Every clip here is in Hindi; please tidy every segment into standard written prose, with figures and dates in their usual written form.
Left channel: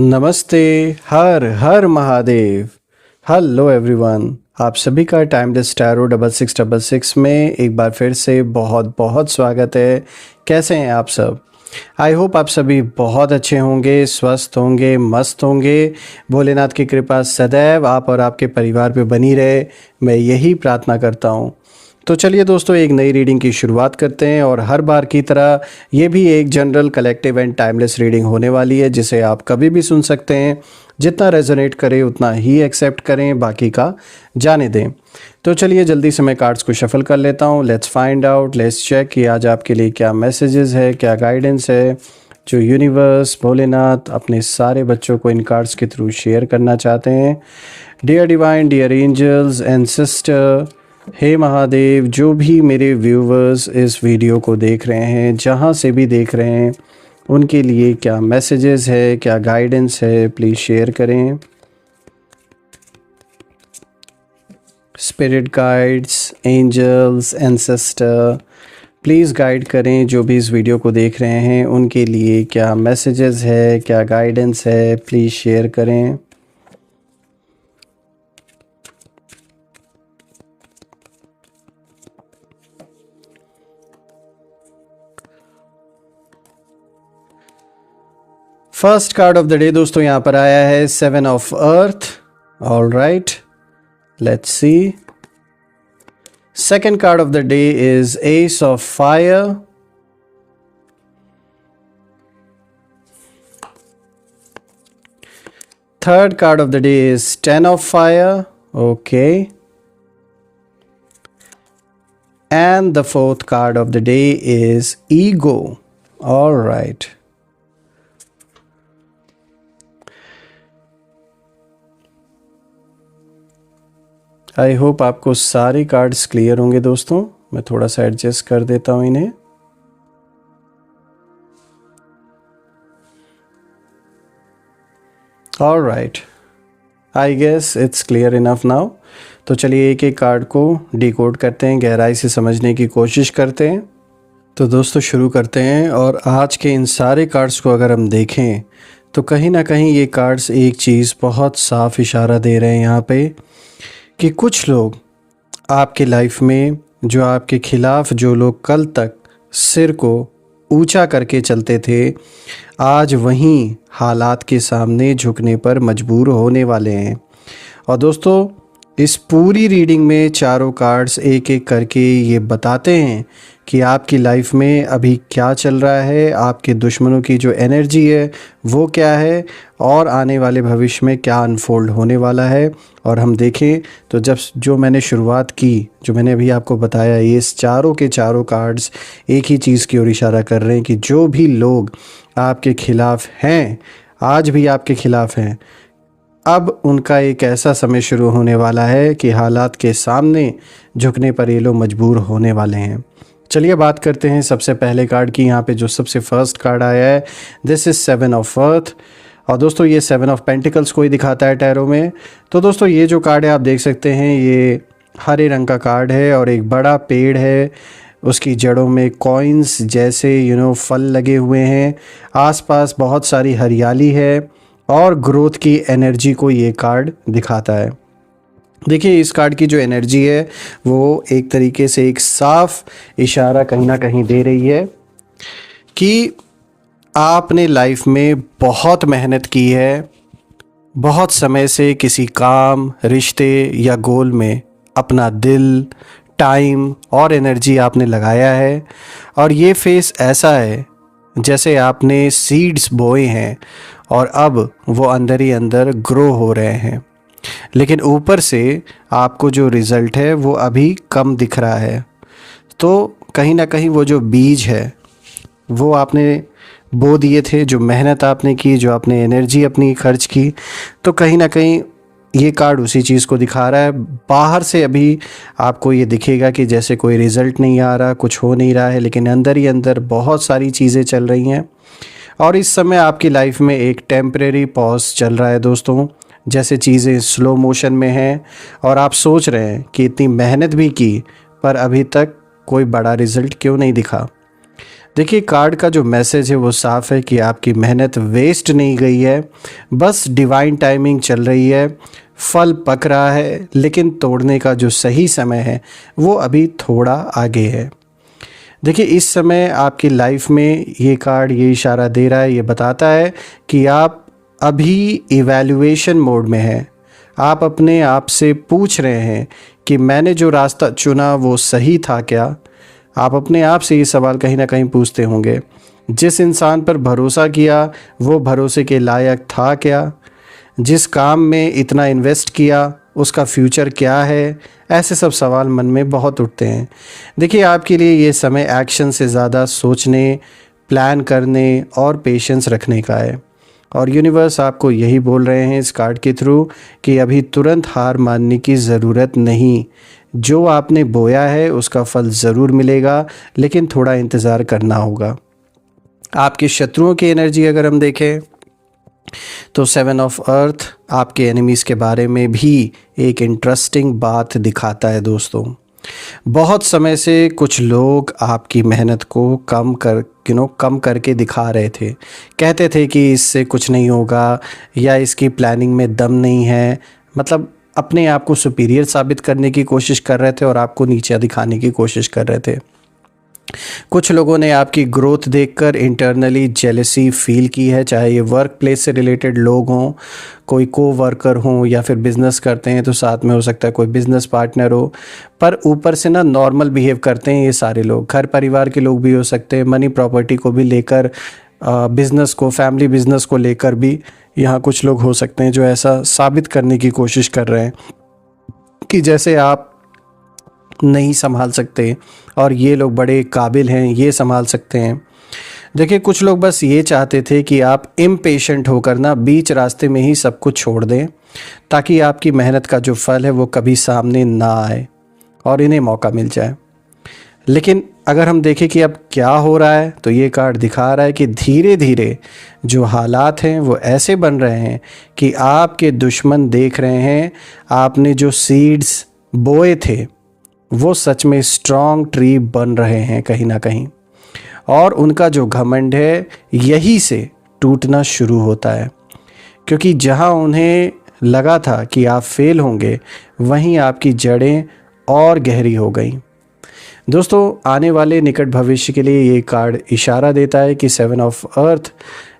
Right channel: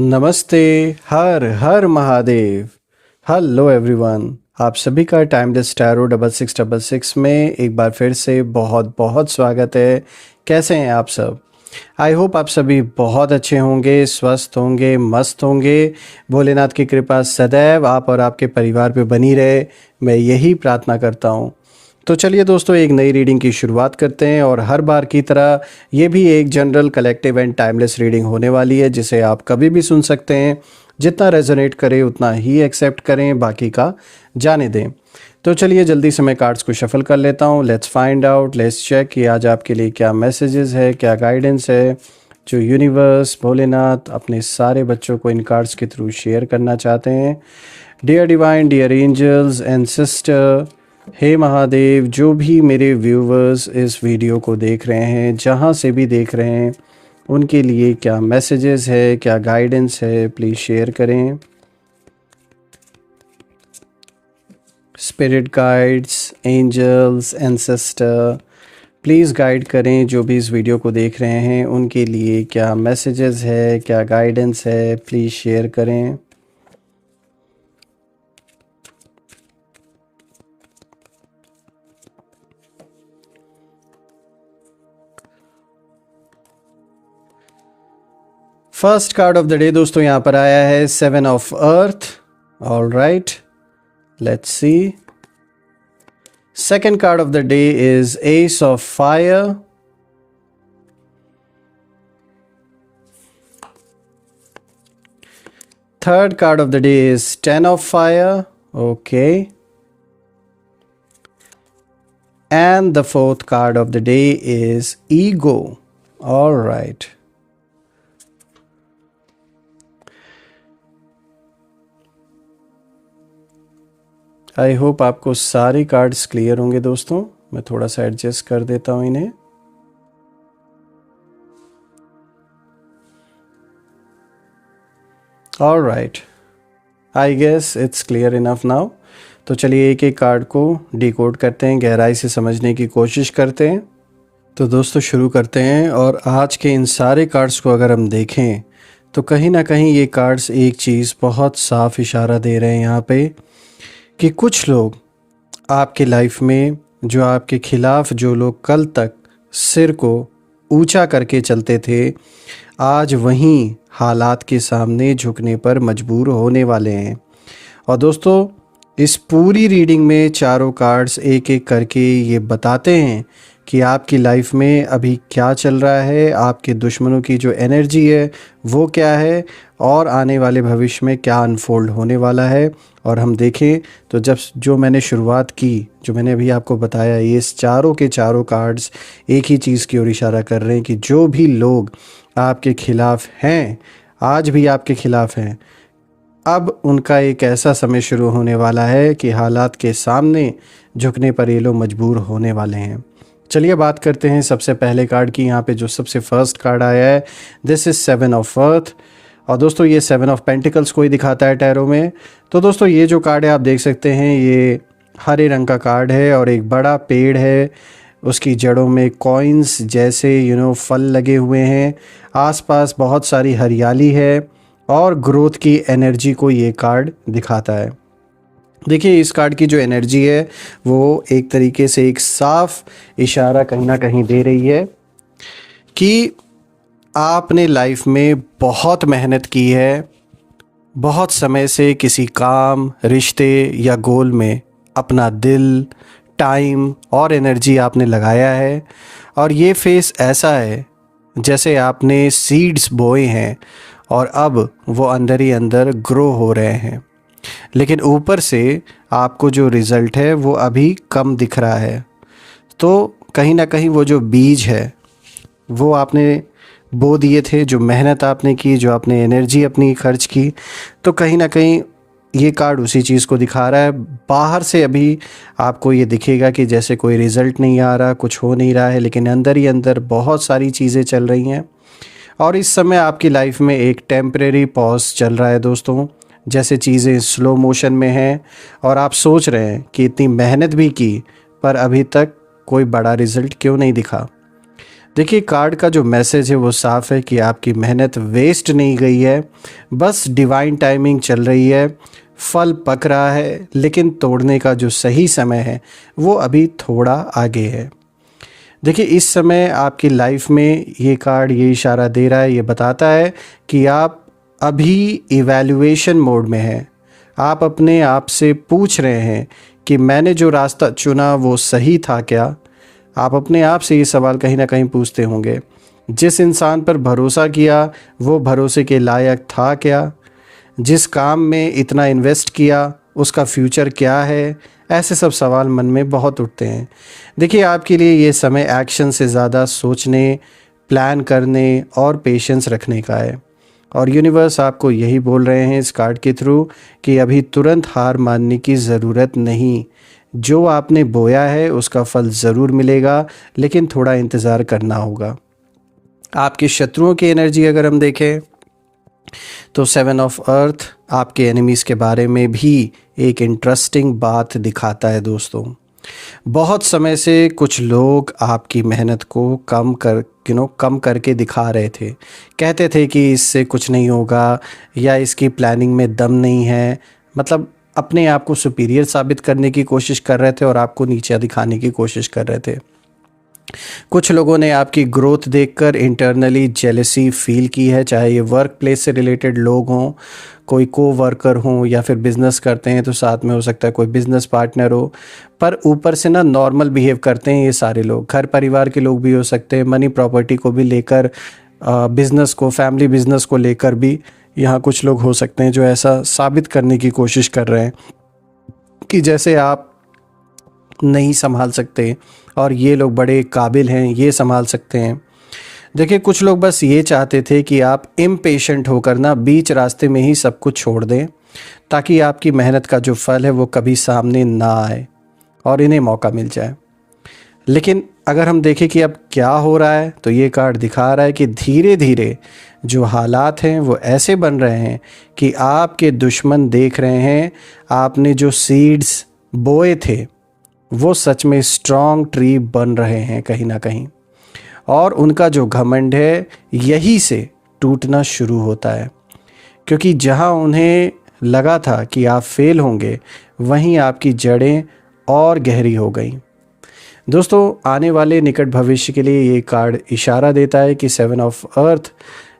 नमस्ते। हर हर महादेव। हेलो एवरीवन, आप सभी का टाइमलेस टैरो 6666 में एक बार फिर से बहुत बहुत स्वागत है। कैसे हैं आप सब? आई होप आप सभी बहुत अच्छे होंगे, स्वस्थ होंगे, मस्त होंगे। भोलेनाथ की कृपा सदैव आप और आपके परिवार पे बनी रहे, मैं यही प्रार्थना करता हूँ। तो चलिए दोस्तों, एक नई रीडिंग की शुरुआत करते हैं और हर बार की तरह ये भी एक general collective and timeless reading होने वाली है, जिसे आप कभी भी सुन सकते हैं। जितना रेजोनेट करे उतना ही एक्सेप्ट करें, बाकी का जाने दें। तो चलिए जल्दी से मैं कार्ड्स को शफल कर लेता हूँ। Let's find out, let's check कि आज आपके लिए क्या मैसेजेस है, क्या गाइडेंस है जो यूनिवर्स भोलेनाथ अपने सारे बच्चों को इन कार्ड्स के थ्रू शेयर करना चाहते हैं। Dear divine, dear angels and sister, हे महादेव, जो भी मेरे व्यूवर्स इस वीडियो को देख रहे हैं, जहाँ से भी देख रहे हैं, उनके लिए क्या मैसेजेस है, क्या गाइडेंस है, प्लीज़ शेयर करें। Spirit guides, angels, ancestor, please guide करें जो भी इस वीडियो को देख रहे हैं, उनके लिए क्या मैसेजेस है, क्या गाइडेंस है, प्लीज़ शेयर करें। First card of the day दोस्तों यहाँ पर आया है 7 of earth. All right, let's see. Second card of the day is S of fire. Third card of the day is 10 of fire. Okay, and the fourth card of the day is ego. All right. I hope आपको सारे कार्ड्स क्लियर होंगे दोस्तों। मैं थोड़ा सा एडजस्ट कर देता हूं इन्हें। All right, I guess it's clear enough now. तो चलिए एक एक कार्ड को डिकोड करते हैं, गहराई से समझने की कोशिश करते हैं। तो दोस्तों शुरू करते हैं। और आज के इन सारे कार्ड्स को अगर हम देखें तो कहीं ना कहीं ये कार्ड्स एक चीज़ बहुत साफ इशारा दे रहे हैं यहाँ पे, कि कुछ लोग आपके लाइफ में, जो आपके खिलाफ जो लोग कल तक सिर को ऊंचा करके चलते थे, आज वहीं हालात के सामने झुकने पर मजबूर होने वाले हैं। और दोस्तों इस पूरी रीडिंग में चारों कार्ड्स एक एक करके ये बताते हैं कि आपकी लाइफ में अभी क्या चल रहा है, आपके दुश्मनों की जो एनर्जी है वो क्या है, और आने वाले भविष्य में क्या अनफोल्ड होने वाला है। और हम देखें तो जब जो मैंने शुरुआत की, जो मैंने अभी आपको बताया, ये चारों के चारों कार्ड्स एक ही चीज़ की ओर इशारा कर रहे हैं कि जो भी लोग आपके खिलाफ हैं, आज भी आपके खिलाफ हैं, अब उनका एक ऐसा समय शुरू होने वाला है कि हालात के सामने झुकने पर ये लोग मजबूर होने वाले हैं। चलिए बात करते हैं सबसे पहले कार्ड की। यहाँ पे जो सबसे फर्स्ट कार्ड आया है, दिस इज 7 ऑफ अर्थ। और दोस्तों ये 7 ऑफ पेंटिकल्स को ही दिखाता है टैरो में। तो दोस्तों ये जो कार्ड है आप देख सकते हैं, ये हरे रंग का कार्ड है और एक बड़ा पेड़ है, उसकी जड़ों में कॉइन्स जैसे फल लगे हुए हैं, आसपास बहुत सारी हरियाली है और ग्रोथ की एनर्जी को ये कार्ड दिखाता है। देखिए इस कार्ड की जो एनर्जी है वो एक तरीके से एक साफ इशारा कहीं ना कहीं दे रही है कि आपने लाइफ में बहुत मेहनत की है, बहुत समय से किसी काम, रिश्ते या गोल में अपना दिल, टाइम और एनर्जी आपने लगाया है। और ये फेस ऐसा है जैसे आपने सीड्स बोए हैं और अब वो अंदर ही अंदर ग्रो हो रहे हैं, लेकिन ऊपर से आपको जो रिज़ल्ट है वो अभी कम दिख रहा है। तो कहीं ना कहीं वो जो बीज है वो आपने बो दिए थे, जो मेहनत आपने की, जो आपने एनर्जी अपनी खर्च की, तो कहीं ना कहीं ये कार्ड उसी चीज़ को दिखा रहा है। बाहर से अभी आपको ये दिखेगा कि जैसे कोई रिज़ल्ट नहीं आ रहा, कुछ हो नहीं रहा है, लेकिन अंदर ही अंदर बहुत सारी चीज़ें चल रही हैं। और इस समय आपकी लाइफ में एक टेम्परेरी पॉज चल रहा है दोस्तों, जैसे चीज़ें स्लो मोशन में हैं और आप सोच रहे हैं कि इतनी मेहनत भी की पर अभी तक कोई बड़ा रिज़ल्ट क्यों नहीं दिखा। देखिए कार्ड का जो मैसेज है वो साफ है कि आपकी मेहनत वेस्ट नहीं गई है, बस डिवाइन टाइमिंग चल रही है, फल पक रहा है, लेकिन तोड़ने का जो सही समय है वो अभी थोड़ा आगे है। देखिए इस समय आपकी लाइफ में ये कार्ड ये इशारा दे रहा है, ये बताता है कि आप अभी इवैल्यूएशन मोड में हैं। आप अपने आप से पूछ रहे हैं कि मैंने जो रास्ता चुना वो सही था क्या। आप अपने आप से ये सवाल कहीं ना कहीं पूछते होंगे। जिस इंसान पर भरोसा किया वो भरोसे के लायक था क्या। जिस काम में इतना इन्वेस्ट किया उसका फ्यूचर क्या है। ऐसे सब सवाल मन में बहुत उठते हैं। देखिए आपके लिए ये समय एक्शन से ज़्यादा सोचने, प्लान करने और पेशेंस रखने का है। और यूनिवर्स आपको यही बोल रहे हैं इस कार्ड के थ्रू कि अभी तुरंत हार मानने की ज़रूरत नहीं। जो आपने बोया है उसका फल ज़रूर मिलेगा, लेकिन थोड़ा इंतज़ार करना होगा। आपके शत्रुओं की एनर्जी अगर हम देखें तो 7 ऑफ अर्थ आपके एनिमीज़ के बारे में भी एक इंटरेस्टिंग बात दिखाता है दोस्तों। बहुत समय से कुछ लोग आपकी मेहनत को कम करके दिखा रहे थे। कहते थे कि इससे कुछ नहीं होगा या इसकी प्लानिंग में दम नहीं है। मतलब अपने आप को सुपीरियर साबित करने की कोशिश कर रहे थे और आपको नीचे दिखाने की कोशिश कर रहे थे। कुछ लोगों ने आपकी ग्रोथ देखकर इंटरनली जेलसी फील की है, चाहे ये वर्क प्लेस से रिलेटेड लोग हों, कोई को वर्कर हों या फिर बिज़नेस करते हैं तो साथ में हो सकता है कोई बिज़नेस पार्टनर हो। पर ऊपर से ना नॉर्मल बिहेव करते हैं ये सारे लोग। घर परिवार के लोग भी हो सकते हैं, मनी प्रॉपर्टी को भी लेकर, बिज़नेस को, फैमिली बिज़नेस को लेकर भी यहाँ कुछ लोग हो सकते हैं जो ऐसा साबित करने की कोशिश कर रहे हैं कि जैसे आप नहीं संभाल सकते और ये लोग बड़े काबिल हैं, ये संभाल सकते हैं। देखिए कुछ लोग बस ये चाहते थे कि आप इम्पेशेंट होकर ना बीच रास्ते में ही सब कुछ छोड़ दें, ताकि आपकी मेहनत का जो फल है वो कभी सामने ना आए और इन्हें मौका मिल जाए। लेकिन अगर हम देखें कि अब क्या हो रहा है तो ये कार्ड दिखा रहा है कि धीरे धीरे जो हालात हैं वो ऐसे बन रहे हैं कि आपके दुश्मन देख रहे हैं आपने जो सीड्स बोए थे वो सच में स्ट्रॉन्ग ट्री बन रहे हैं कहीं ना कहीं, और उनका जो घमंड है यही से टूटना शुरू होता है। क्योंकि जहां उन्हें लगा था कि आप फेल होंगे वहीं आपकी जड़ें और गहरी हो गई। दोस्तों आने वाले निकट भविष्य के लिए ये कार्ड इशारा देता है कि 7 ऑफ अर्थ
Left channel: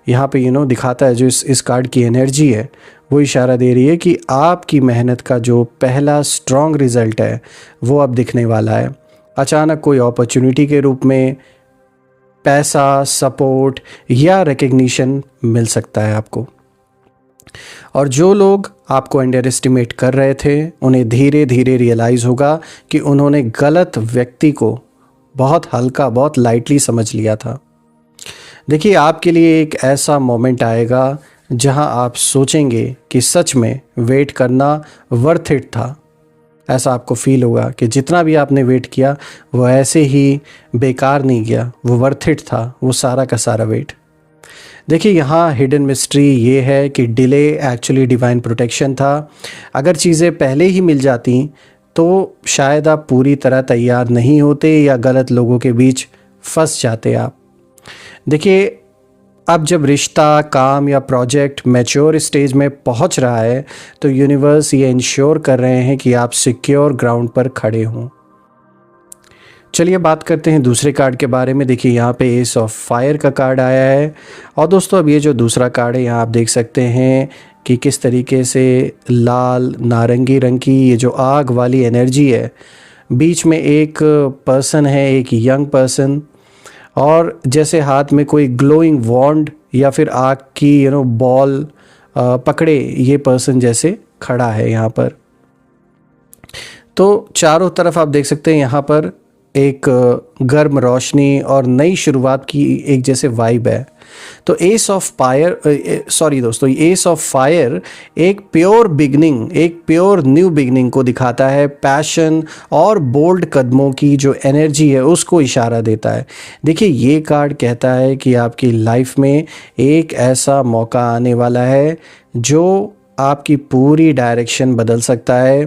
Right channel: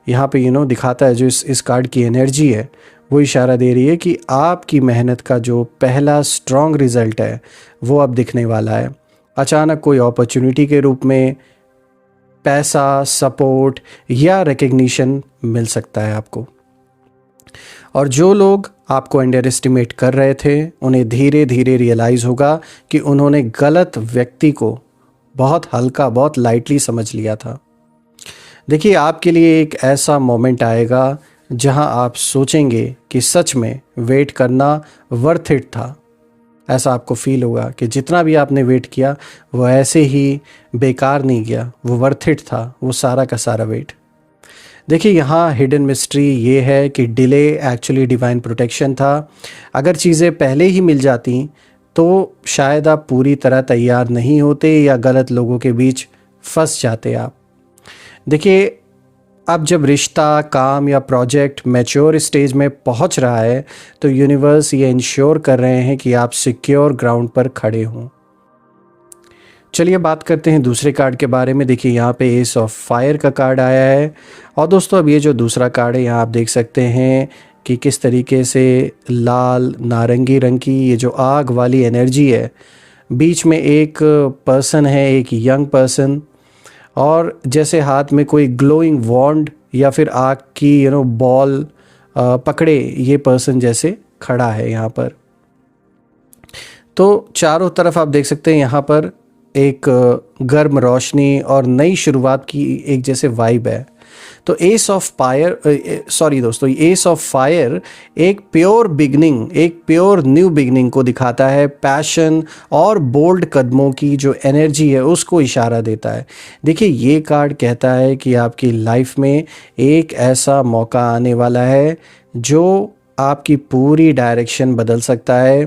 यहाँ पे दिखाता है, जो इस कार्ड की एनर्जी है वो इशारा दे रही है कि आपकी मेहनत का जो पहला स्ट्रॉन्ग रिजल्ट है वो अब दिखने वाला है। अचानक कोई अपॉर्चुनिटी के रूप में पैसा, सपोर्ट या रिकग्निशन मिल सकता है आपको। और जो लोग आपको अंडर एस्टिमेट कर रहे थे उन्हें धीरे धीरे रियलाइज़ होगा कि उन्होंने गलत व्यक्ति को बहुत हल्का, बहुत लाइटली समझ लिया था। देखिए आपके लिए एक ऐसा मोमेंट आएगा जहां आप सोचेंगे कि सच में वेट करना वर्थ इट था। ऐसा आपको फील होगा कि जितना भी आपने वेट किया वो ऐसे ही बेकार नहीं गया, वो वर्थ इट था, वो सारा का सारा वेट। देखिए यहाँ हिडन मिस्ट्री ये है कि डिले एक्चुअली डिवाइन प्रोटेक्शन था। अगर चीज़ें पहले ही मिल जाती तो शायद आप पूरी तरह तैयार नहीं होते या गलत लोगों के बीच फंस जाते आप। देखिए अब जब रिश्ता, काम या प्रोजेक्ट मैच्योर स्टेज में पहुंच रहा है तो यूनिवर्स ये इंश्योर कर रहे हैं कि आप सिक्योर ग्राउंड पर खड़े हों। चलिए बात करते हैं दूसरे कार्ड के बारे में। देखिए यहाँ पे एस ऑफ फायर का कार्ड आया है। और दोस्तों अब ये जो दूसरा कार्ड है यहाँ आप देख सकते हैं कि किस तरीके से लाल नारंगी रंग की ये जो आग वाली एनर्जी है, बीच में एक पर्सन है, एक यंग पर्सन, और जैसे हाथ में कोई ग्लोइंग वॉन्ड या फिर आग की बॉल पकड़े ये पर्सन जैसे खड़ा है यहाँ पर। तो चारों तरफ आप देख सकते हैं यहाँ पर एक गर्म रोशनी और नई शुरुआत की एक जैसे वाइब है। तो एस ऑफ फायर एक प्योर बिगनिंग, एक प्योर न्यू बिगनिंग को दिखाता है। पैशन और बोल्ड कदमों की जो एनर्जी है उसको इशारा देता है। देखिए ये कार्ड कहता है कि आपकी लाइफ में एक ऐसा मौका आने वाला है जो आपकी पूरी डायरेक्शन बदल सकता है।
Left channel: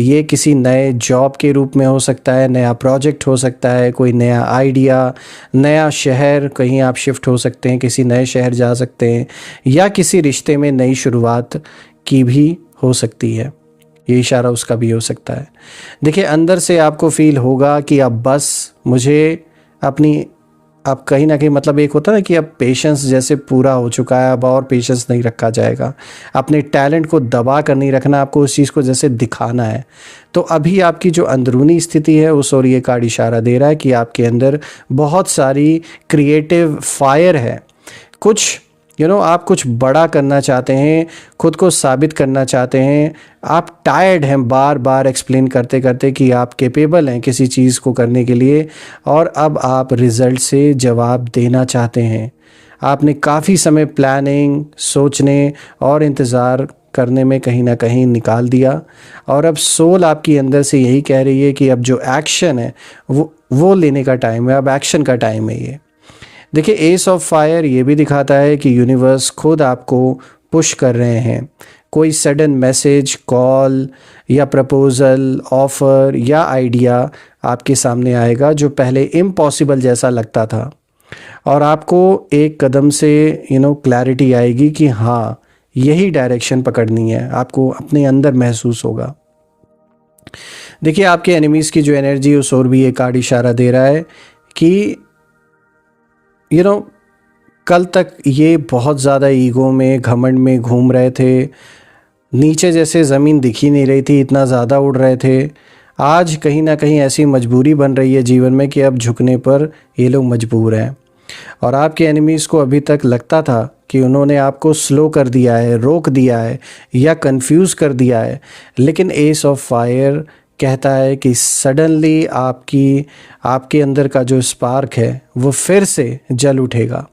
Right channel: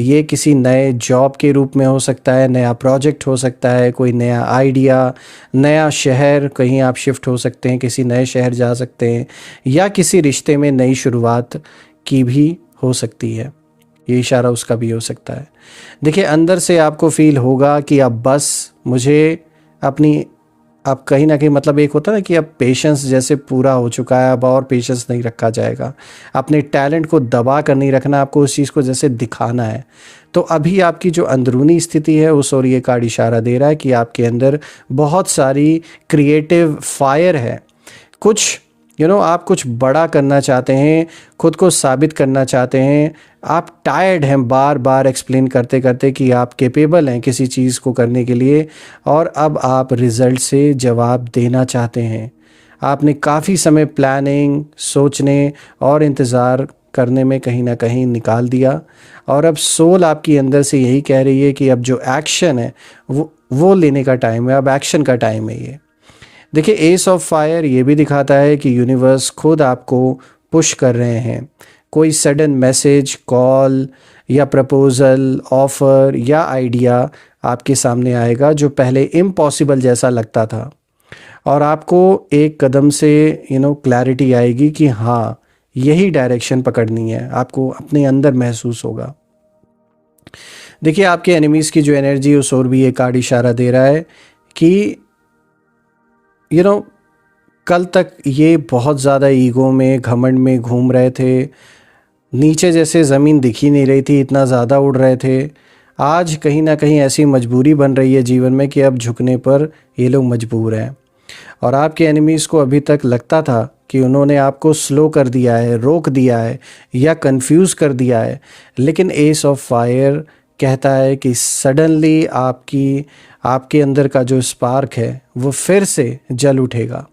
ये किसी नए जॉब के रूप में हो सकता है, नया प्रोजेक्ट हो सकता है, कोई नया आइडिया, नया शहर, कहीं आप शिफ्ट हो सकते हैं, किसी नए शहर जा सकते हैं, या किसी रिश्ते में नई शुरुआत की भी हो सकती है। ये इशारा उसका भी हो सकता है। देखिए, अंदर से आपको फील होगा कि अब बस मुझे अपनी, अब कहीं ना कहीं मतलब एक होता है ना कि अब पेशेंस जैसे पूरा हो चुका है, अब और पेशेंस नहीं रखा जाएगा। अपने टैलेंट को दबा कर नहीं रखना, आपको उस चीज़ को जैसे दिखाना है। तो अभी आपकी जो अंदरूनी स्थिति है उस और ये कार्ड इशारा दे रहा है कि आपके अंदर बहुत सारी क्रिएटिव फायर है। कुछ आप कुछ बड़ा करना चाहते हैं, खुद को साबित करना चाहते हैं। आप टायर्ड हैं बार बार एक्सप्लेन करते करते कि आप कैपेबल हैं किसी चीज़ को करने के लिए, और अब आप रिज़ल्ट से जवाब देना चाहते हैं। आपने काफ़ी समय प्लानिंग, सोचने और इंतज़ार करने में कहीं ना कहीं निकाल दिया, और अब सोल आपकी अंदर से यही कह रही है कि अब जो एक्शन है वो लेने का टाइम है, अब एक्शन का टाइम है ये। देखिए, एस ऑफ फायर ये भी दिखाता है कि यूनिवर्स खुद आपको पुश कर रहे हैं। कोई सडन मैसेज, कॉल या प्रपोज़ल, ऑफ़र या आइडिया आपके सामने आएगा जो पहले इम्पॉसिबल जैसा लगता था, और आपको एक कदम से क्लैरिटी आएगी कि हाँ, यही डायरेक्शन पकड़नी है। आपको अपने अंदर महसूस होगा। देखिए, आपके एनिमीज़ की जो एनर्जी, उस और भी ये कार्ड इशारा दे रहा है कि कल तक ये बहुत ज़्यादा ईगो में, घमंड में घूम रहे थे, नीचे जैसे ज़मीन दिख ही नहीं रही थी, इतना ज़्यादा उड़ रहे थे। आज कहीं ना कहीं ऐसी मजबूरी बन रही है जीवन में कि अब झुकने पर ये लोग मजबूर हैं। और आपके एनिमीज़ को अभी तक लगता था कि उन्होंने आपको स्लो कर दिया है, रोक दिया है या कंफ्यूज कर दिया है, लेकिन एस ऑफ फायर कहता है कि सडनली आपके अंदर का जो स्पार्क है वो फिर से जल उठेगा,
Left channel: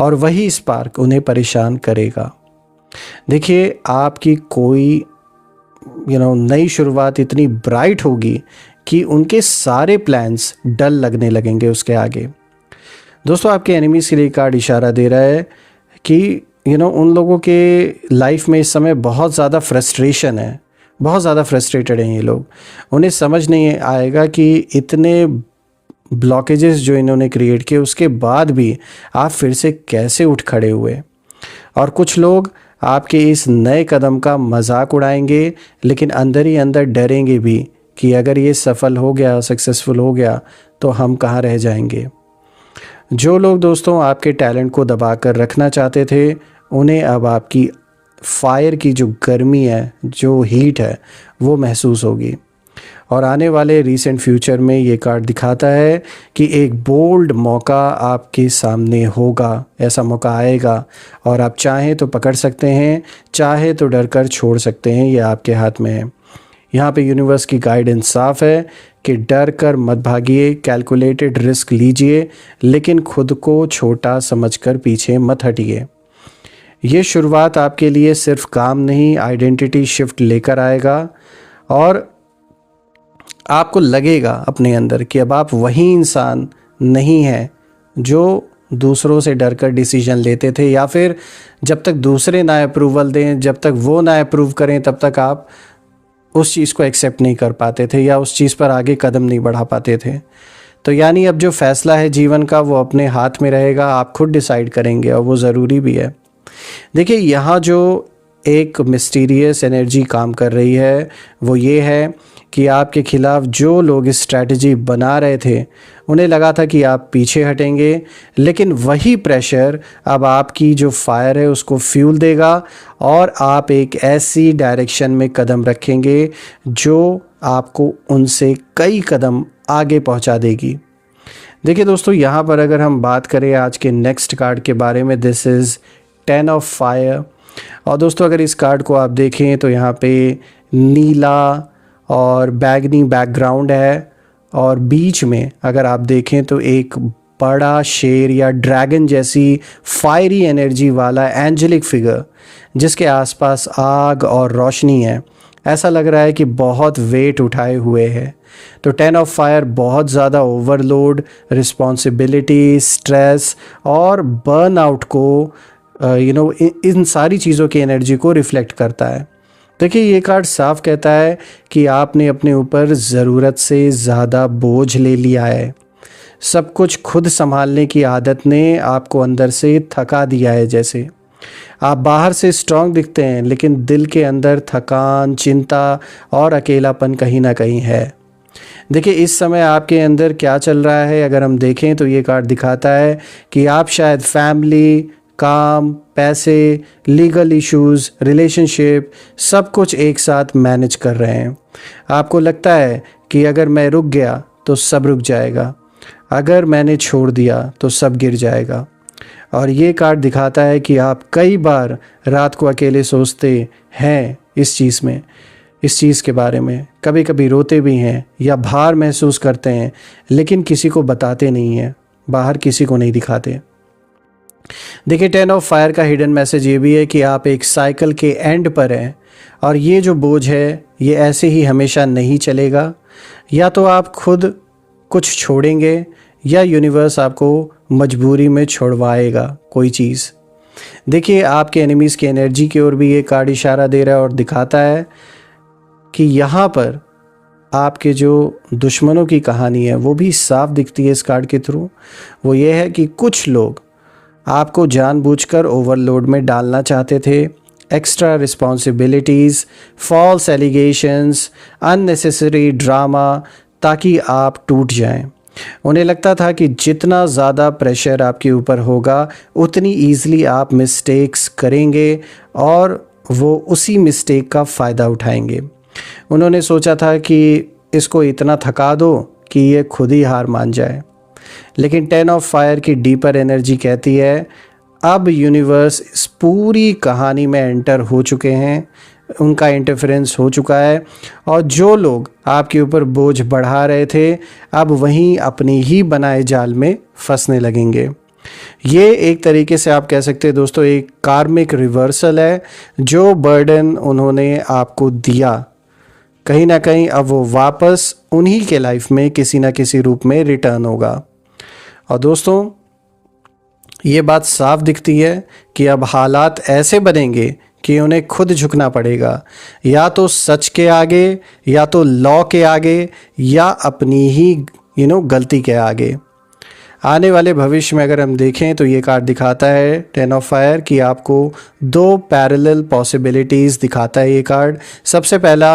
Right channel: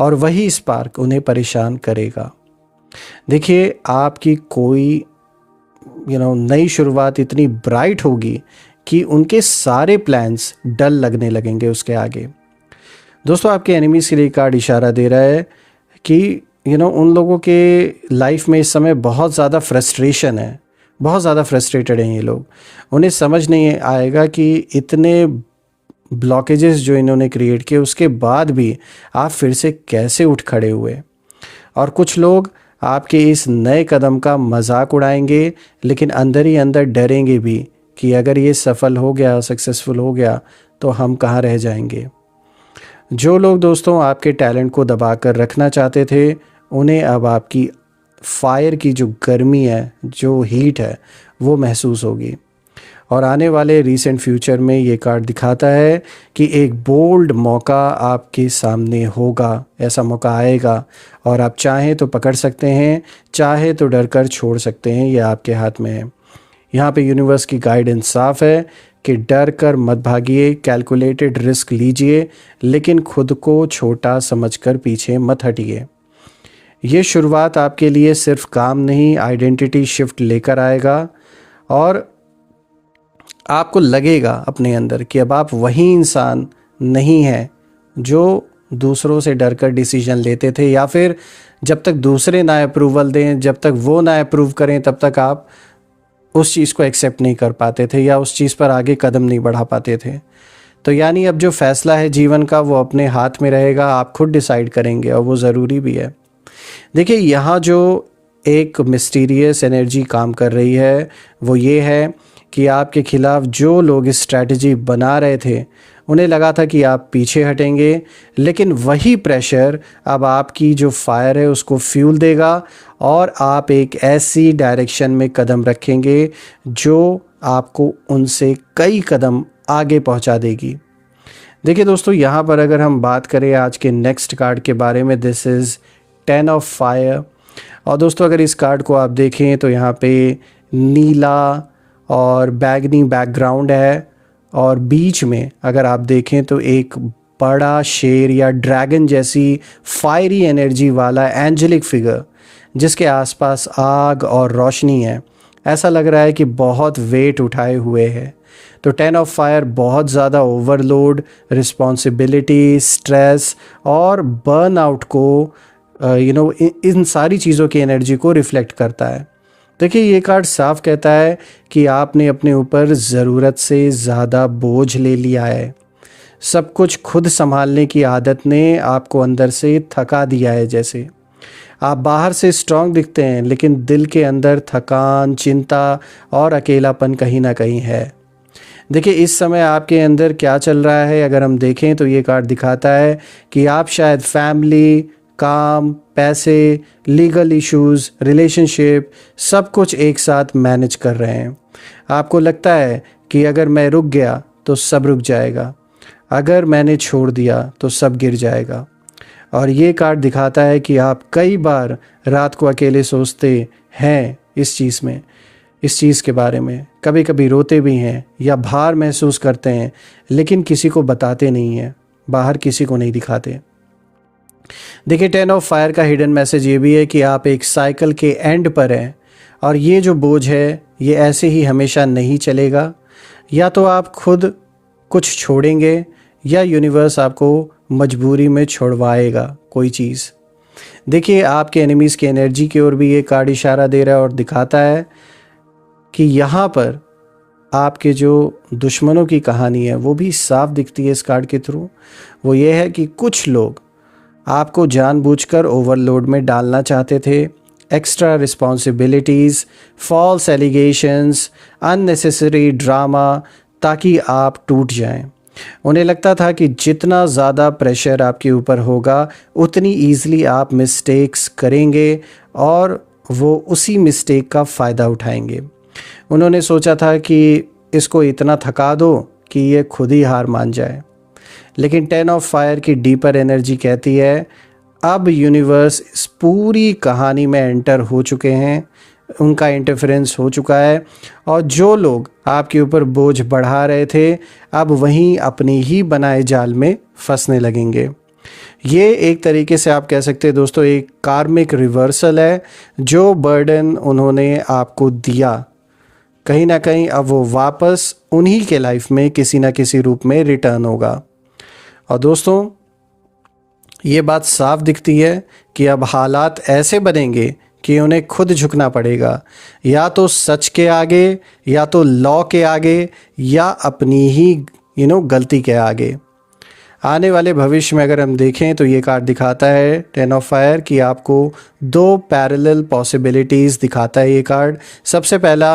और वही स्पार्क उन्हें परेशान करेगा। देखिए, आपकी कोई नई शुरुआत इतनी ब्राइट होगी कि उनके सारे प्लान्स डल लगने लगेंगे उसके आगे। दोस्तों, आपके एनिमीज़ के लिए कार्ड इशारा दे रहा है कि उन लोगों के लाइफ में इस समय बहुत ज़्यादा फ्रस्ट्रेशन है, बहुत ज़्यादा फ्रस्ट्रेटेड हैं ये लोग। उन्हें समझ नहीं आएगा कि इतने ब्लॉकेजेस जो इन्होंने क्रिएट किए उसके बाद भी आप फिर से कैसे उठ खड़े हुए। और कुछ लोग आपके इस नए कदम का मजाक उड़ाएंगे, लेकिन अंदर ही अंदर डरेंगे भी कि अगर ये सफल हो गया, सक्सेसफुल हो गया, तो हम कहाँ रह जाएंगे। जो लोग दोस्तों आपके टैलेंट को दबा कर रखना चाहते थे, उन्हें अब आपकी फायर की जो गर्मी है, जो हीट है, वो महसूस होगी। और आने वाले रीसेंट फ्यूचर में ये कार्ड दिखाता है कि एक बोल्ड मौका आपके सामने होगा। ऐसा मौका आएगा और आप चाहें तो पकड़ सकते हैं, चाहे तो डर कर छोड़ सकते हैं। ये आपके हाथ में है। यहाँ पे यूनिवर्स की गाइडेंस साफ है कि डर कर मत भागिए, कैलकुलेटेड रिस्क लीजिए, लेकिन खुद को छोटा समझकर पीछे मत हटिए। ये शुरुआत आपके लिए सिर्फ काम नहीं, आइडेंटिटी शिफ्ट लेकर आएगा, और आपको लगेगा अपने अंदर कि अब आप वही इंसान नहीं हैं जो दूसरों से डरकर डिसीजन लेते थे, या फिर जब तक दूसरे ना अप्रूवल दें, जब तक वो ना अप्रूव करें, तब तक आप उस चीज़ को एक्सेप्ट नहीं कर पाते थे या उस चीज़ पर आगे कदम नहीं बढ़ा पाते थे। तो यानी अब जो फैसला है जीवन का, वो अपने हाथ में रहेगा, आप खुद डिसाइड करेंगे, और वो ज़रूरी भी है। देखिए, यहाँ जो एक मिस्टीरियस एनर्जी काम कर रही है वो ये है कि आपके खिलाफ जो लोग स्ट्रैटेजी बना रहे थे, उन्हें लगा था कि आप पीछे हटेंगे, लेकिन वही प्रेशर अब आपकी जो फायर है उसको फ्यूल देगा, और आप एक ऐसी डायरेक्शन में कदम रखेंगे जो आपको उनसे कई कदम आगे पहुंचा देगी। देखिए दोस्तों, यहाँ पर अगर हम बात करें आज के नेक्स्ट कार्ड के बारे में, दिस इज़ 10 ऑफ फायर। और दोस्तों, अगर इस कार्ड को आप देखें तो यहाँ पे नीला और बैगनी बैकग्राउंड है, और बीच में अगर आप देखें तो एक बड़ा शेर या ड्रैगन जैसी फायरी एनर्जी वाला एंजेलिक फिगर, जिसके आसपास आग और रोशनी है। ऐसा लग रहा है कि बहुत वेट उठाए हुए है। तो 10 ऑफ फायर बहुत ज़्यादा ओवरलोड, रिस्पॉन्सिबिलिटी, स्ट्रेस और बर्नआउट को इन सारी चीज़ों की एनर्जी को रिफ्लेक्ट करता है। देखिए ये कार्ड साफ कहता है कि आपने अपने ऊपर ज़रूरत से ज़्यादा बोझ ले लिया है। सब कुछ खुद संभालने की आदत ने आपको अंदर से थका दिया है। जैसे आप बाहर से स्ट्रांग दिखते हैं, लेकिन दिल के अंदर थकान, चिंता और अकेलापन कहीं ना कहीं है। देखिए इस समय आपके अंदर क्या चल रहा है, अगर हम देखें तो ये कार्ड दिखाता है कि आप शायद फैमिली, काम, पैसे, लीगल इश्यूज, रिलेशनशिप सब कुछ एक साथ मैनेज कर रहे हैं। आपको लगता है कि अगर मैं रुक गया तो सब रुक जाएगा, अगर मैंने छोड़ दिया तो सब गिर जाएगा। और ये कार्ड दिखाता है कि आप कई बार रात को अकेले सोचते हैं इस चीज़ के बारे में, कभी कभी रोते भी हैं या भार महसूस करते हैं, लेकिन किसी को बताते नहीं हैं, बाहर किसी को नहीं दिखाते। देखिए 10 ऑफ फायर का हिडन मैसेज ये भी है कि आप एक साइकिल के एंड पर हैं और ये जो बोझ है ये ऐसे ही हमेशा नहीं चलेगा। या तो आप खुद कुछ छोड़ेंगे या यूनिवर्स आपको मजबूरी में छोड़वाएगा कोई चीज़। देखिए आपके एनिमीज़ की एनर्जी की ओर भी ये कार्ड इशारा दे रहा है और दिखाता है कि यहाँ पर आपके जो दुश्मनों की कहानी है वो भी साफ दिखती है इस कार्ड के थ्रू। वो ये है कि कुछ लोग आपको जानबूझकर ओवरलोड में डालना चाहते थे। Extra responsibilities, false allegations, unnecessary drama, ताकि आप टूट जाएं। उन्हें लगता था कि जितना ज़्यादा प्रेशर आपके ऊपर होगा उतनी ईज़िली आप मिस्टेक्स करेंगे और वो उसी मिस्टेक का फ़ायदा उठाएंगे। उन्होंने सोचा था कि इसको इतना थका दो कि ये खुद ही हार मान जाए। लेकिन 10 ऑफ फायर की डीपर एनर्जी कहती है अब यूनिवर्स इस पूरी कहानी में एंटर हो चुके हैं, उनका इंटरफेरेंस हो चुका है और जो लोग आपके ऊपर बोझ बढ़ा रहे थे अब वहीं अपनी ही बनाए जाल में फंसने लगेंगे। ये एक तरीके से आप कह सकते हैं दोस्तों एक कार्मिक रिवर्सल है। जो बर्डन उन्होंने आपको दिया कहीं ना कहीं अब वो वापस उन्हीं के लाइफ में किसी ना किसी रूप में रिटर्न होगा। और दोस्तों ये बात साफ दिखती है कि अब हालात ऐसे बनेंगे कि उन्हें खुद झुकना पड़ेगा, या तो सच के आगे, या तो लॉ के आगे, या अपनी ही गलती के आगे। आने वाले भविष्य में अगर हम देखें तो ये कार्ड दिखाता है 10 ऑफ फायर कि आपको 2 पैरेलल पॉसिबिलिटीज़ दिखाता है ये कार्ड। सबसे पहला,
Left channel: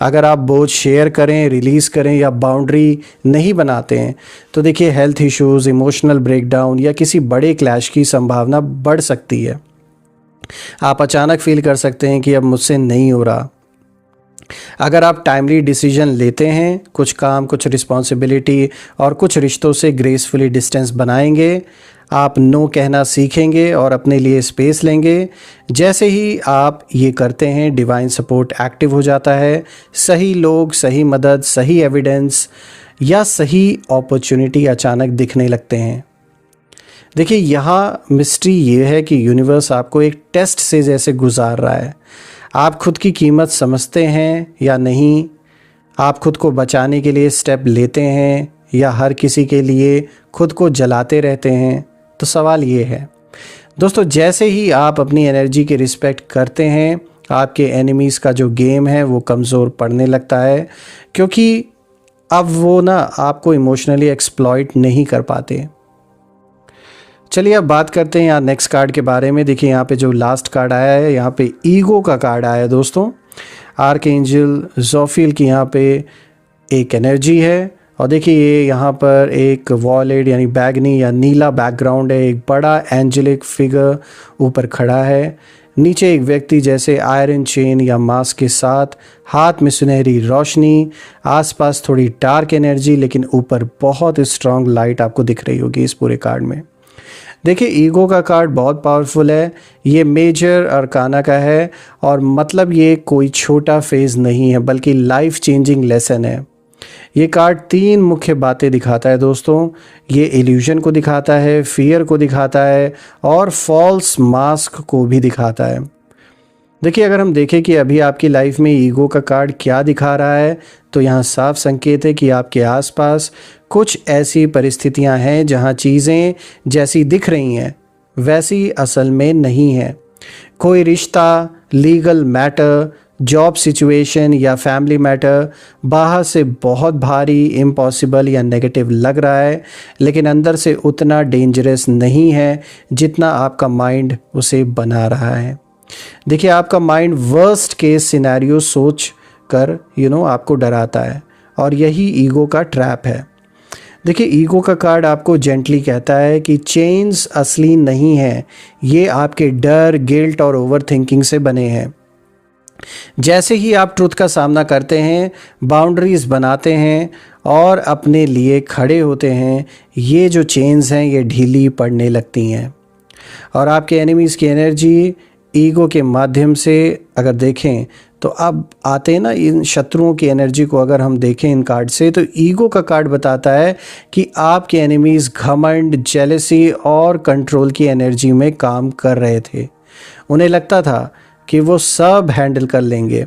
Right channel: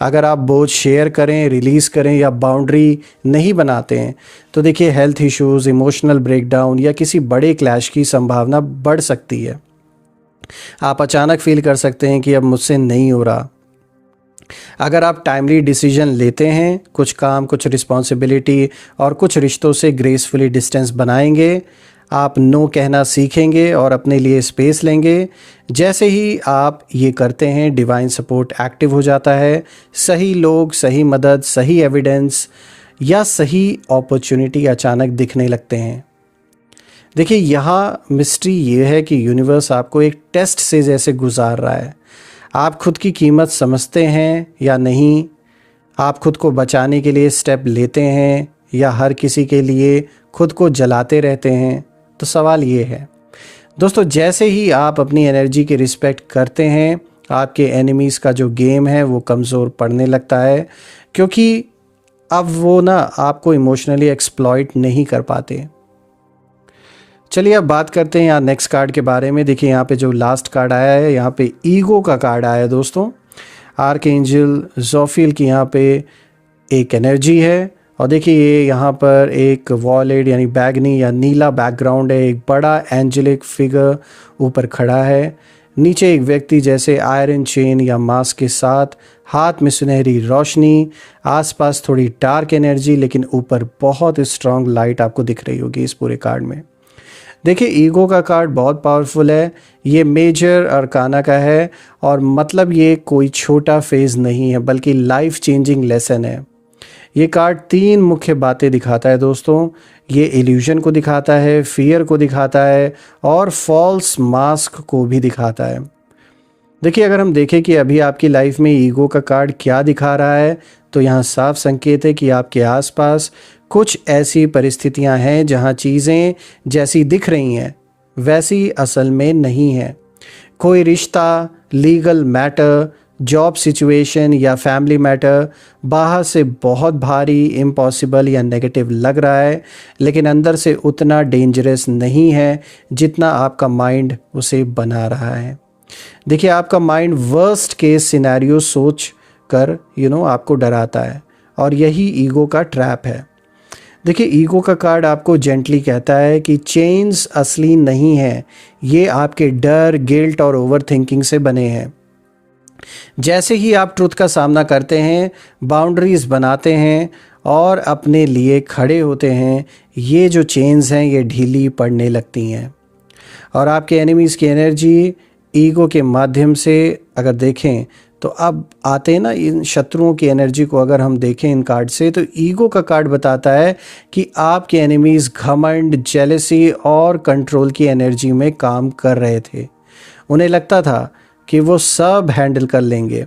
अगर आप बोझ शेयर करें, रिलीज़ करें या बाउंड्री नहीं बनाते हैं तो देखिए हेल्थ इश्यूज़, इमोशनल ब्रेकडाउन या किसी बड़े क्लैश की संभावना बढ़ सकती है। आप अचानक फील कर सकते हैं कि अब मुझसे नहीं हो रहा। अगर आप टाइमली डिसीजन लेते हैं, कुछ काम, कुछ रिस्पॉन्सिबिलिटी और कुछ रिश्तों से ग्रेसफुली डिस्टेंस बनाएंगे, आप नो कहना सीखेंगे और अपने लिए स्पेस लेंगे। जैसे ही आप ये करते हैं डिवाइन सपोर्ट एक्टिव हो जाता है। सही लोग, सही मदद, सही एविडेंस या सही अपॉर्चुनिटी अचानक दिखने लगते हैं। देखिए यहाँ मिस्ट्री ये है कि यूनिवर्स आपको एक टेस्ट से जैसे गुजार रहा है। आप खुद की कीमत समझते हैं या नहीं? आप खुद को बचाने के लिए स्टेप लेते हैं या हर किसी के लिए खुद को जलाते रहते हैं? तो सवाल ये है दोस्तों, जैसे ही आप अपनी एनर्जी की रिस्पेक्ट करते हैं आपके एनिमीज़ का जो गेम है वो कमज़ोर पड़ने लगता है, क्योंकि अब वो आपको इमोशनली एक्सप्लॉइट नहीं कर पाते। चलिए अब बात करते हैं यहाँ नेक्स्ट कार्ड के बारे में। देखिए यहाँ पे जो लास्ट कार्ड आया है, यहाँ पे ईगो का कार्ड आया है दोस्तों। आर्कएंजल जोफिल की यहाँ पे एक एनर्जी है और देखिए ये यहाँ पर एक वॉलेट यानी बैगनी या नीला बैकग्राउंड है। एक बड़ा एंजेलिक फिगर ऊपर खड़ा है, नीचे एक व्यक्ति जैसे आयरन चेन या मास्क के साथ, हाथ में सुनहरी रोशनी, आसपास थोड़ी डार्क एनर्जी, लेकिन ऊपर बहुत स्ट्रांग लाइट आपको दिख रही होगी इस पूरे कार्ड में। देखिए ईगो का कार्ड बहुत पावरफुल है, ये मेजर अरकाना का है और मतलब ये कोई छोटा फेज नहीं है बल्कि लाइफ चेंजिंग लेसन है। ये कार्ड 3 मुख्य बातें दिखाता है दोस्तों। ये इल्यूजन को दिखाता है, फियर को दिखाता है और फॉल्स मास्क को भी दिखाता है। देखिए अगर हम देखें कि अभी आपकी लाइफ में ईगो का कार्ड क्या दिखा रहा है तो यहाँ साफ संकेत है कि आपके आसपास कुछ ऐसी परिस्थितियां हैं जहां चीज़ें जैसी दिख रही हैं वैसी असल में नहीं है। कोई रिश्ता, लीगल मैटर, जॉब सिचुएशन या फैमिली मैटर बाहर से बहुत भारी, इम्पॉसिबल या नेगेटिव लग रहा है, लेकिन अंदर से उतना डेंजरस नहीं है जितना आपका माइंड उसे बना रहा है। देखिए, आपका माइंड वर्स्ट केस सिनेरियो सोच कर आपको डराता है, और यही ईगो का ट्रैप है। देखिए, ईगो का कार्ड आपको जेंटली कहता है कि चेंज असली नहीं है, ये आपके डर, गिल्ट और ओवर थिंकिंग से बने हैं। जैसे ही आप ट्रुथ का सामना करते हैं, बाउंड्रीज बनाते हैं और अपने लिए खड़े होते हैं, ये जो चेन्स हैं ये ढीली पड़ने लगती हैं। और आपके एनिमीज़ की एनर्जी ईगो के माध्यम से अगर देखें तो अब आते हैं ना, इन शत्रुओं की एनर्जी को अगर हम देखें इन कार्ड से, तो ईगो का कार्ड बताता है कि आपके एनिमीज़ घमंड, जेलसी और कंट्रोल की एनर्जी में काम कर रहे थे। उन्हें लगता था कि वो सब हैंडल कर लेंगे,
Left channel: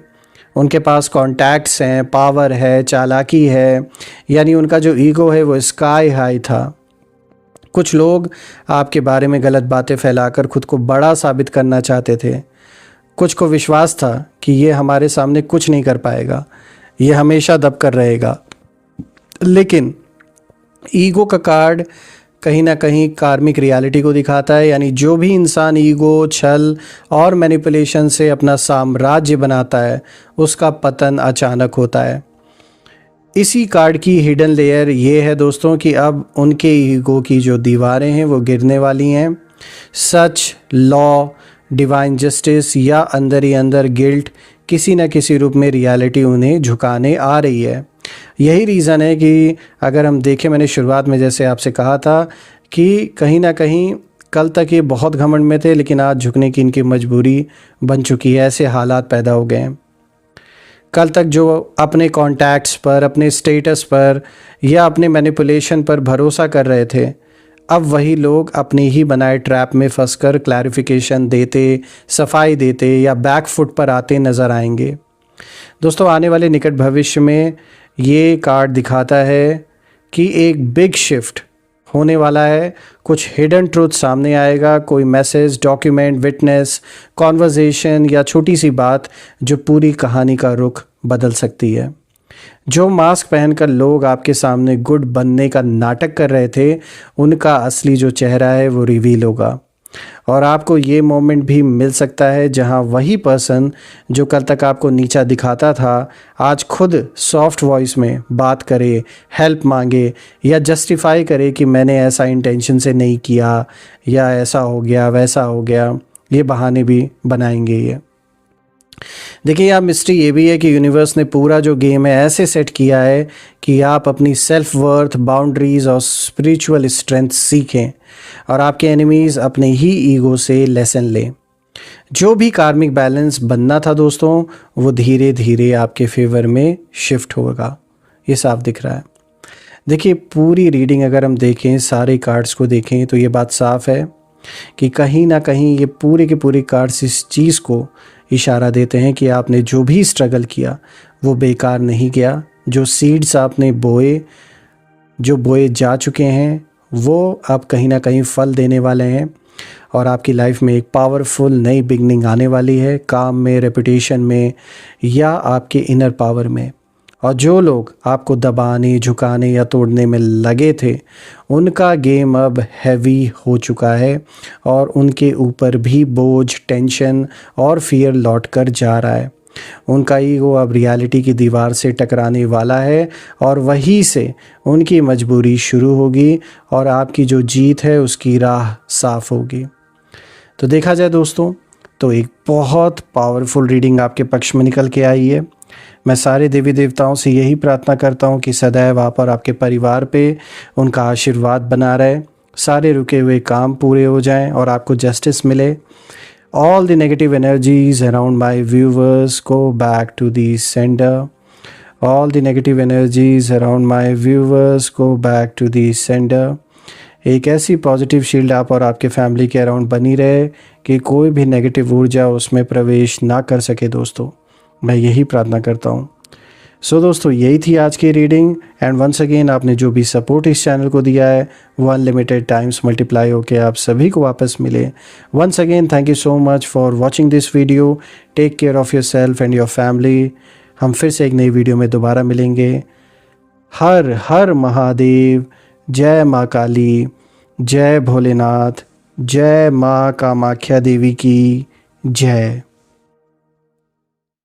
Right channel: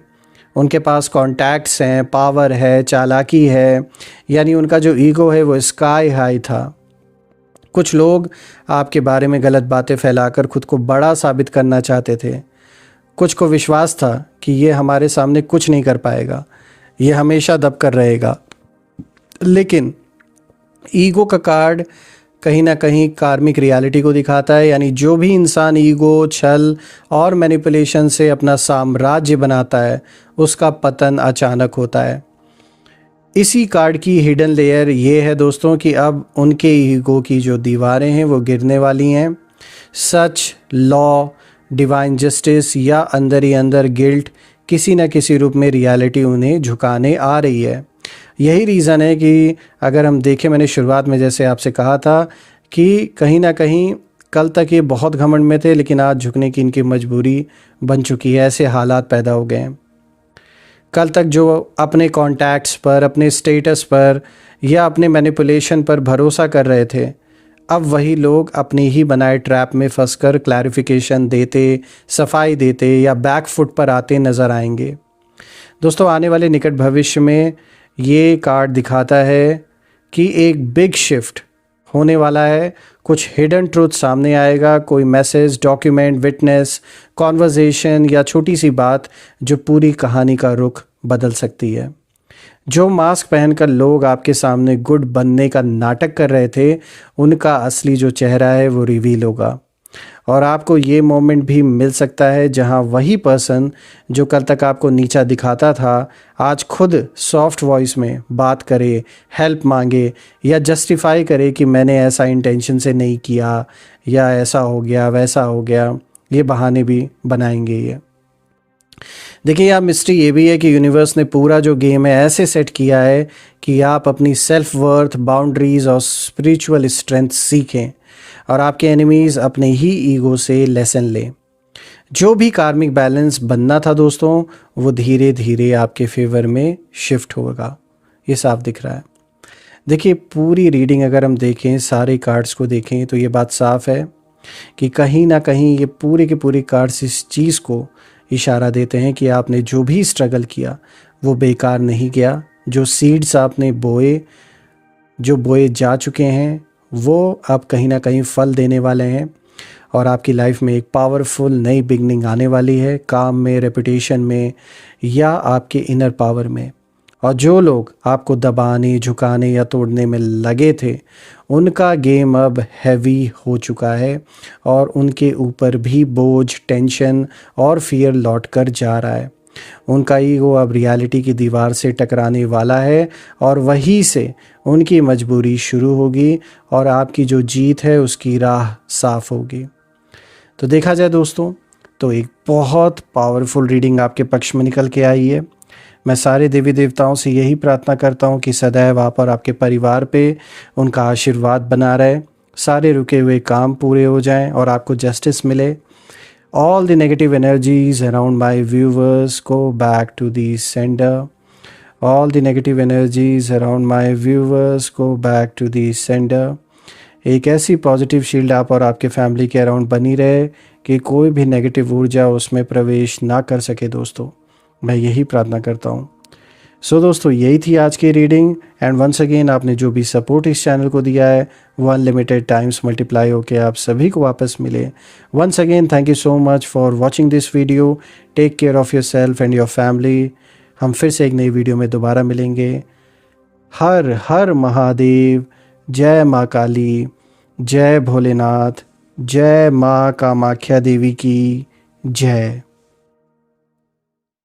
उनके पास कॉन्टैक्ट्स हैं, पावर है, चालाकी है, यानी उनका जो ईगो है वो स्काई हाई था। कुछ लोग आपके बारे में गलत बातें फैलाकर खुद को बड़ा साबित करना चाहते थे। कुछ को विश्वास था कि ये हमारे सामने कुछ नहीं कर पाएगा, ये हमेशा दबकर रहेगा। लेकिन ईगो का कार्ड कहीं ना कहीं कार्मिक रियलिटी को दिखाता है, यानी जो भी इंसान ईगो, छल और मैनिपुलेशन से अपना साम्राज्य बनाता है, उसका पतन अचानक होता है। इसी कार्ड की हिडन लेयर ये है दोस्तों कि अब उनके ईगो की जो दीवारें हैं वो गिरने वाली हैं। सच, लॉ, डिवाइन जस्टिस या अंदर ही अंदर गिल्ट किसी न किसी रूप में रियलिटी उन्हें झुकाने आ रही है। यही रीज़न है कि अगर हम देखें, मैंने शुरुआत में जैसे आपसे कहा था कि कहीं ना कहीं कल तक ये बहुत घमंड में थे, लेकिन आज झुकने की इनकी मजबूरी बन चुकी है, ऐसे हालात पैदा हो गए हैं। कल तक जो अपने कॉन्टैक्ट्स पर, अपने स्टेटस पर या अपने मैनिपुलेशन पर भरोसा कर रहे थे, अब वही लोग अपने ही बनाए ट्रैप में फंसकर क्लैरिफिकेशन देते, सफाई देते या बैक फुट पर आते नज़र आएंगे। दोस्तों, आने वाले निकट भविष्य में ये कार्ड दिखाता है कि एक बिग शिफ्ट होने वाला है। कुछ हिडन ट्रूथ सामने आएगा, कोई मैसेज, डॉक्यूमेंट, विटनेस, कॉन्वर्जेशन या छोटी सी बात जो पूरी कहानी का रुख बदल सकती है। जो मास्क पहनकर लोग आपके सामने गुड बनने का नाटक कर रहे थे, उनका असली जो चेहरा है वो रिवील होगा। और आपको ये मोमेंट भी मिल सकता है जहां वही पर्सन जो कल तक आपको नीचा दिखाता था, आज खुद सॉफ्ट वॉइस में बात करे, हेल्प मांगे या जस्टिफाई करे कि मैंने ऐसा इंटेंशन से नहीं किया, या ऐसा हो गया, वैसा हो गया। ये बहाने भी बनाएंगे ये। देखिए, यहाँ मिस्ट्री ये भी है कि यूनिवर्स ने पूरा जो गेम है ऐसे सेट किया है कि आप अपनी सेल्फ वर्थ, बाउंड्रीज और स्पिरिचुअल स्ट्रेंथ सीखें और आपके एनिमीज़ अपने ही ईगो से लेसन लें। जो भी कार्मिक बैलेंस बनना था दोस्तों, वो धीरे धीरे आपके फेवर में शिफ्ट होगा। ये साफ दिख रहा है। देखिए, पूरी रीडिंग अगर हम देखें, सारे कार्ड्स को देखें, तो ये बात साफ है कि कहीं ना कहीं ये पूरे के पूरे कार्ड्स इस चीज़ को इशारा देते हैं कि आपने जो भी स्ट्रगल किया वो बेकार नहीं गया। जो सीड्स आपने बोए जा चुके हैं, वो अब कहीं ना कहीं फल देने वाले हैं और आपकी लाइफ में एक पावरफुल नई बिगनिंग आने वाली है, काम में, रेपुटेशन में या आपके इनर पावर में। और जो लोग आपको दबाने, झुकाने या तोड़ने में लगे थे, उनका गेम अब हैवी हो चुका है और उनके ऊपर भी बोझ, टेंशन और फियर लौट कर जा रहा है। उनका ईगो अब रियलिटी की दीवार से टकराने वाला है और वहीं से उनकी मजबूरी शुरू होगी और आपकी जो जीत है उसकी राह साफ होगी। तो देखा जाए दोस्तों, तो एक बहुत पावरफुल रीडिंग आपके पक्ष में निकल के आई है। मैं सारे देवी देवताओं से यही प्रार्थना करता हूँ कि सदैव आप और आपके परिवार पे उनका आशीर्वाद बना रहे, सारे रुके हुए काम पूरे हो जाएं और आपको जस्टिस मिले। All the negative energies around my viewers go back to the sender. All the negative energies around my viewers go back to the sender. एक ऐसी पॉजिटिव शील्ड आप और आपके फैमिली के अराउंड बनी रहे कि कोई भी नेगेटिव ऊर्जा उसमें प्रवेश ना कर सके। दोस्तों, मैं यही प्रार्थना करता हूँ। सो दोस्तों यही थी आज की रीडिंग। एंड वंस अगेन आपने जो भी सपोर्ट इस चैनल को दिया है वो अनलिमिटेड टाइम्स मल्टीप्लाई होकर आप सभी को वापस मिले। Once again thank you so much for watching this video. Take care of yourself and your family. हम फिर से एक नई वीडियो में दोबारा मिलेंगे। हर हर महादेव। जय माँ काली, जय भोलेनाथ, जय माँ कामाख्या देवी की जय।